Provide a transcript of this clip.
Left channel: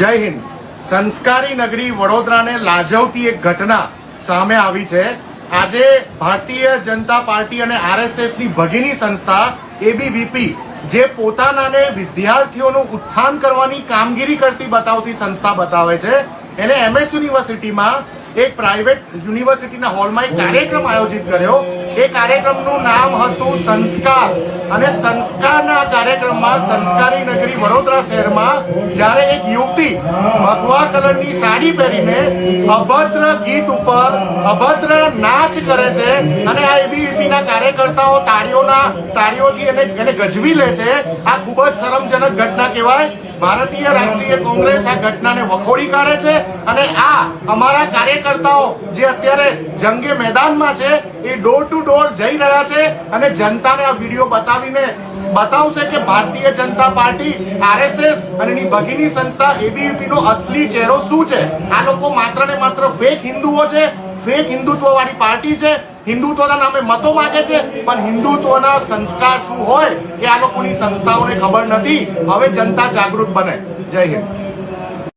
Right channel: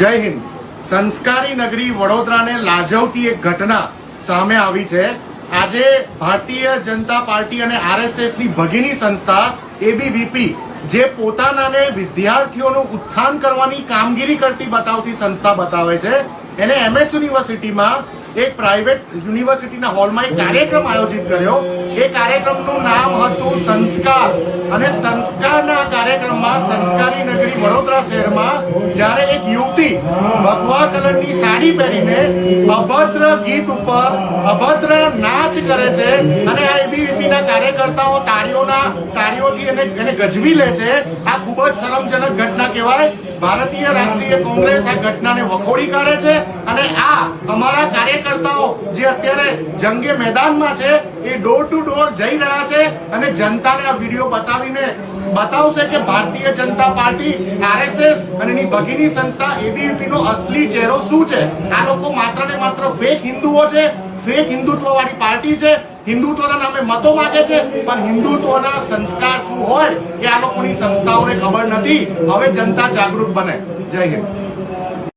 જય હિન્દ। સંસ્કારી નગરી વડોદરાને લાજવતી એક ઘટના સામે આવી છે। આજે ભારતીય જનતા પાર્ટી અને આરએસએસ ની ભગીની સંસ્થા એબીવીપી જે પોતાનાને વિદ્યાર્થીઓનું ઉત્થાન કરવાની કામગીરી કરતી બતાવતી સંસ્થા બતાવે છે, એને એમએસ યુનિવર્સિટીમાં એક પ્રાઇવેટ યુનિવર્સિટીના હોલમાં એક કાર્યક્રમ આયોજિત કર્યો। એ કાર્યક્રમનું નામ હતું સંસ્કાર, અને સંસ્કારના કાર્યક્રમમાં સંસ્કારી નગરી વડોદરા શહેરમાં જ્યારે એક યુવતી ભગવા કલરની સાડી પહેરીને અભદ્ર ગીત ઉપર અભદ્ર નાચ કરે છે અને આ એબીવીપીના કાર્યકર્તાઓ તાળીઓથી એને ગજવી લે છે, આ ખૂબ જ શરમજનક ઘટના કહેવાય। ભારતીય રાષ્ટ્રીય કોંગ્રેસ આ ઘટનાને વખોડી કાઢે છે અને આ અમારા કાર્યકર્તાઓ જે અત્યારે જંગે મેદાનમાં છે એ ડોર ટુ ડોર જઈ રહ્યા છે અને જનતાને આ વિડીયો બતાવીને બતાવશે કે ભારતીય જનતા પાર્ટી, આરએસએસ અને એની ભગીની સંસ્થા એબીવીપી નો અસલી ચહેરો શું છે। આ લોકો માત્ર ને માત્ર ફેક હિન્દુઓ છે, ફેક હિન્દુત્વ વાળી પાર્ટી છે, હિન્દુત્વના નામે મતો માંગે છે, પણ હિન્દુત્વના સંસ્કાર શું હોય એ આ લોકોની સંસ્થાઓને ખબર નથી। હવે જનતા જાગૃત બને। જય હિન્દ।